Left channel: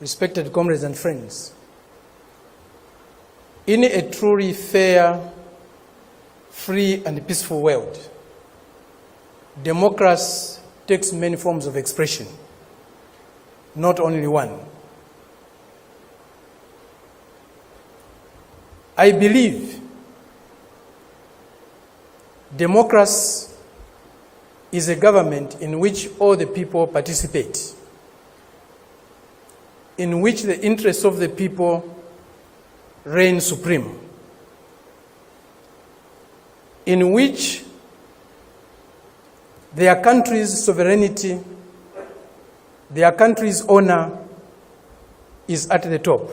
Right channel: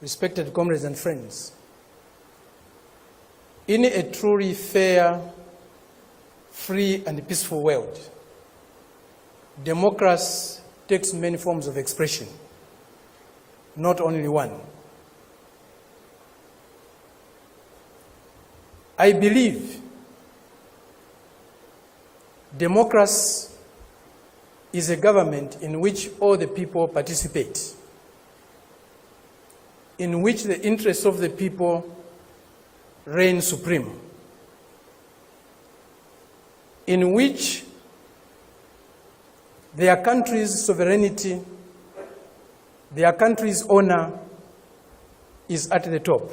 respected comrades and friends, in a truly fair, free and peaceful world, democracy takes many forms of expression, not only one. I believe democracy is a government in which all the people participate, in which the interests of the people reign supreme, in which their country's sovereignty, their country's honor is at the top.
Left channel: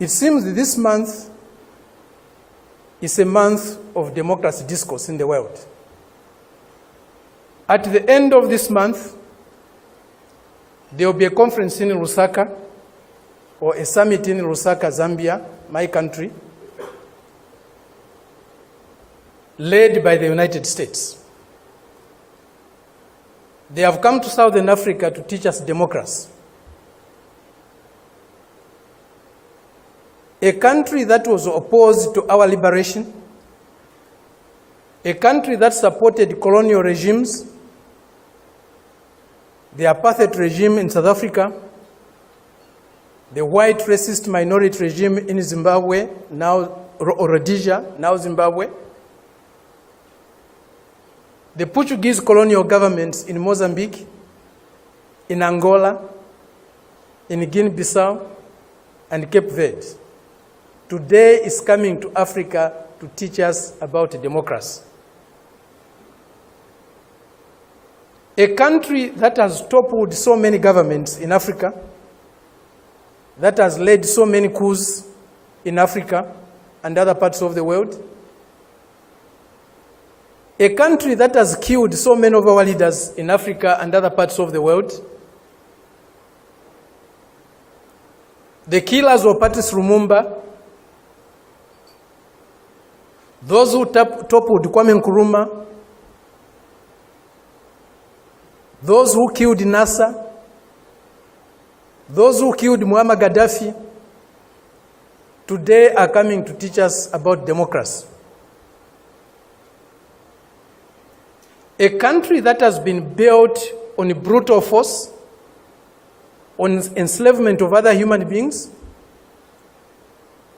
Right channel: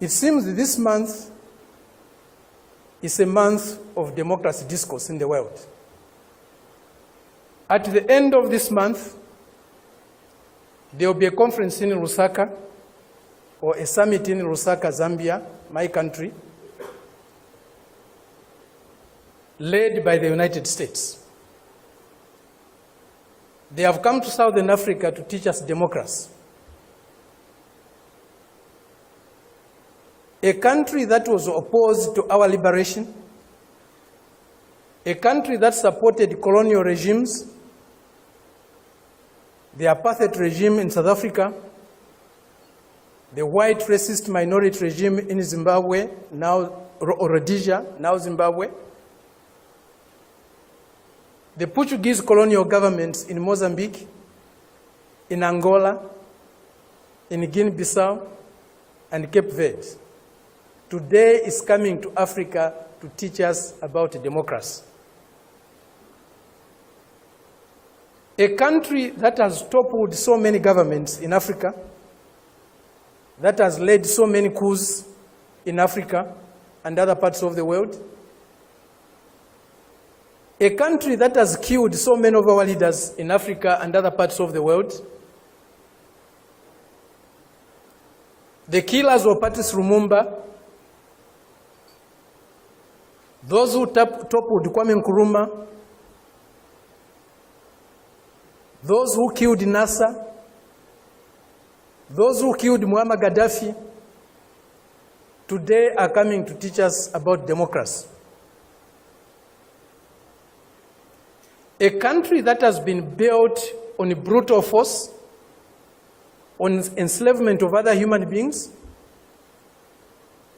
It seems that this month is a month of democracy discourse in the world. At the end of this month, there will be a conference in Lusaka, or a summit in Lusaka, Zambia, my country, led by the United States. They have come to Southern Africa to teach us democracy. A country that was opposed to our liberation, a country that supported colonial regimes, the apartheid regime in South Africa, the white racist minority regime in Zimbabwe, now Rhodesia, now Zimbabwe, the Portuguese colonial governments in Mozambique, in Angola, in Guinea-Bissau, and Cape Verde, today is coming to Africa to teach us about democracy. A country that has toppled so many governments in Africa, that has led so many coups in Africa and other parts of the world, a country that has killed so many of our leaders in Africa and other parts of the world, the killers of Patrice Lumumba, those who toppled Kwame Nkrumah, those who killed Nasser, those who killed Muammar Gaddafi, today are coming to teach us about democracy. A country that has been built on brutal force, on enslavement of other human beings,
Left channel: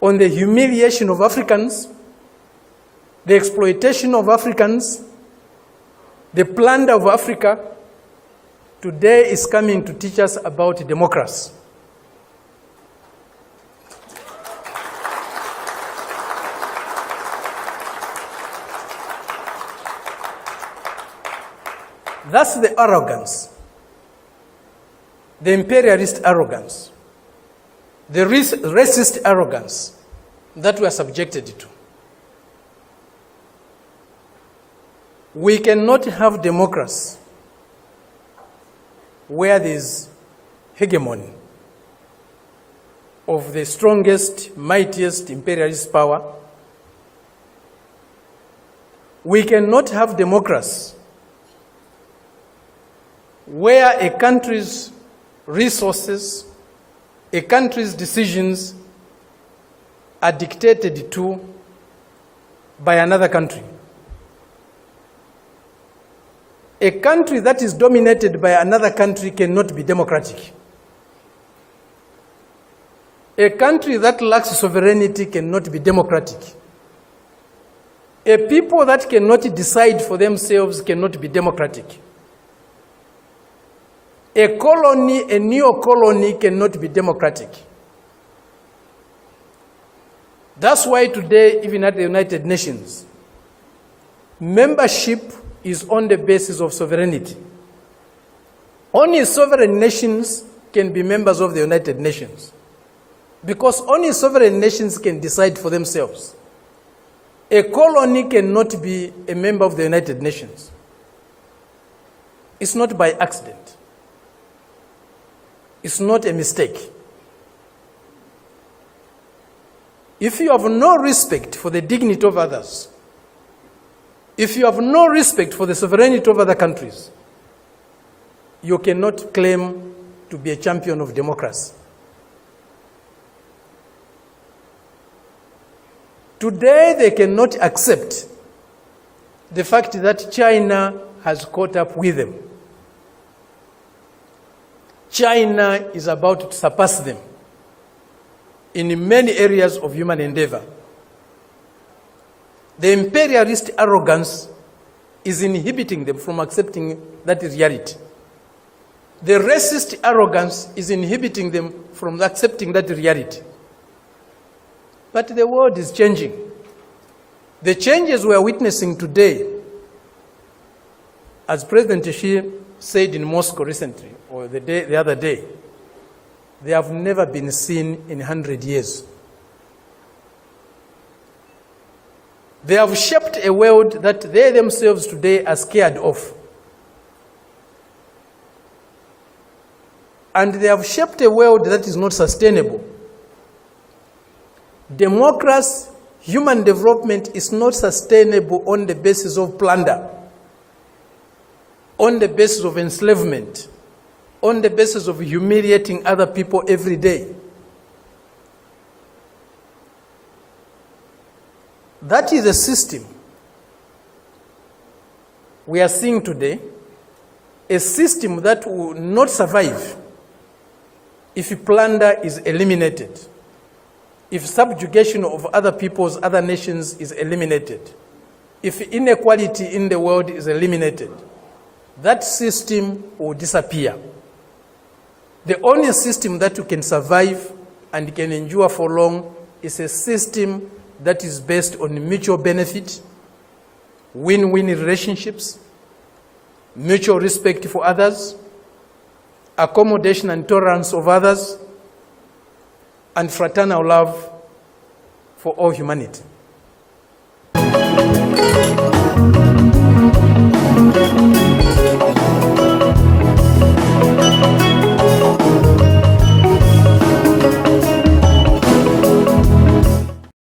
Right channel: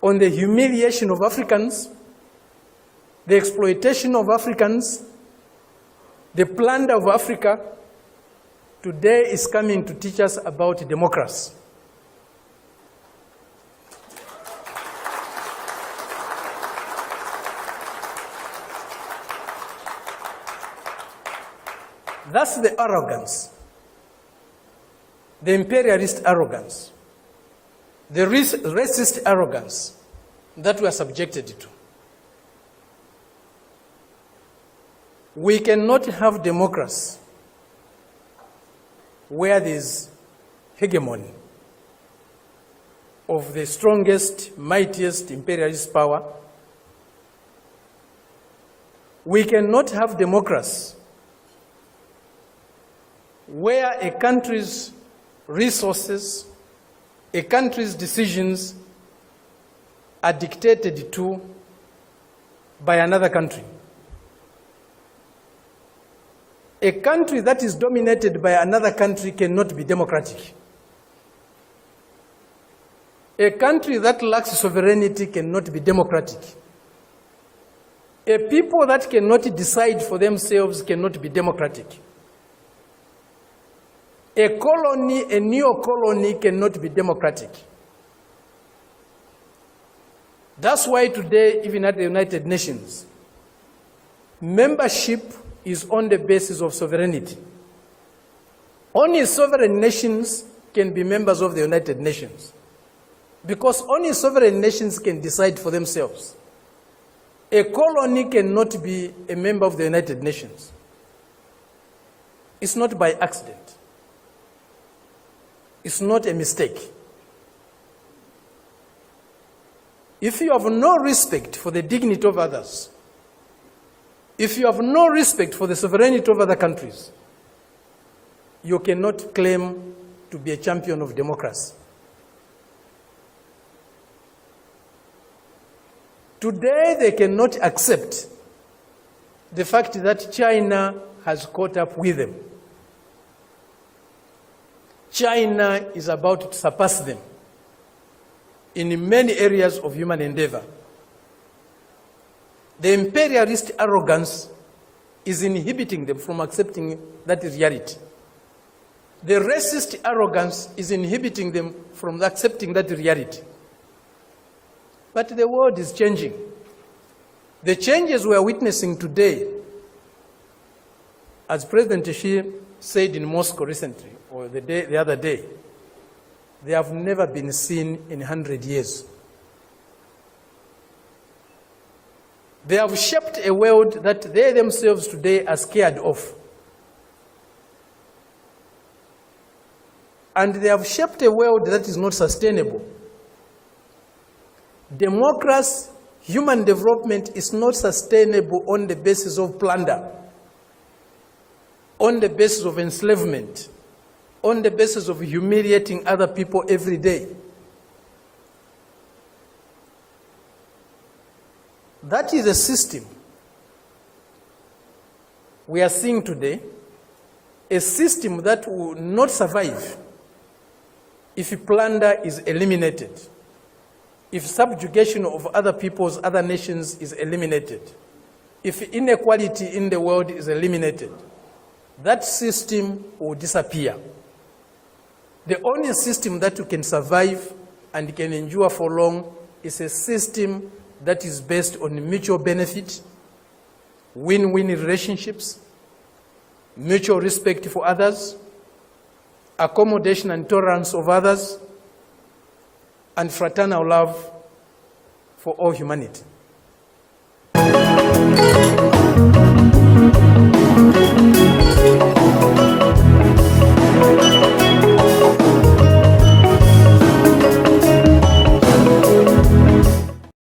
on the humiliation of Africans, the exploitation of Africans, the plunder of Africa, today is coming to teach us about democracy. That's the arrogance, the imperialist arrogance, the racist arrogance that we are subjected to. We cannot have democracy where there is hegemony of the strongest, mightiest imperialist power. We cannot have democracy where a country's resources, a country's decisions are dictated to by another country. A country that is dominated by another country cannot be democratic. A country that lacks sovereignty cannot be democratic. A people that cannot decide for themselves cannot be democratic. A colony, a neo-colony cannot be democratic. That's why today, even at the United Nations, membership is on the basis of sovereignty. Only sovereign nations can be members of the United Nations, because only sovereign nations can decide for themselves. A colony cannot be a member of the United Nations. It's not by accident. It's not a mistake. If you have no respect for the dignity of others, if you have no respect for the sovereignty of other countries, you cannot claim to be a champion of democracy. Today, they cannot accept the fact that China has caught up with them. China is about to surpass them in many areas of human endeavor. The imperialist arrogance is inhibiting them from accepting that reality. The racist arrogance is inhibiting them from accepting that reality. But the world is changing. The changes we are witnessing today, as President Xi said in Moscow recently, or the other day, they have never been seen in 100 years. They have shaped a world that they themselves today are scared of. And they have shaped a world that is not sustainable. Democracy, human development is not sustainable on the basis of plunder, on the basis of enslavement, on the basis of humiliating other people every day. That is a system we are seeing today, a system that will not survive if plunder is eliminated, if subjugation of other peoples, other nations is eliminated, if inequality in the world is eliminated. That system will disappear. The only system that can survive and can endure for long is a system that is based on mutual benefit, win-win relationships, mutual respect for others, accommodation and tolerance of others, and fraternal love for all humanity.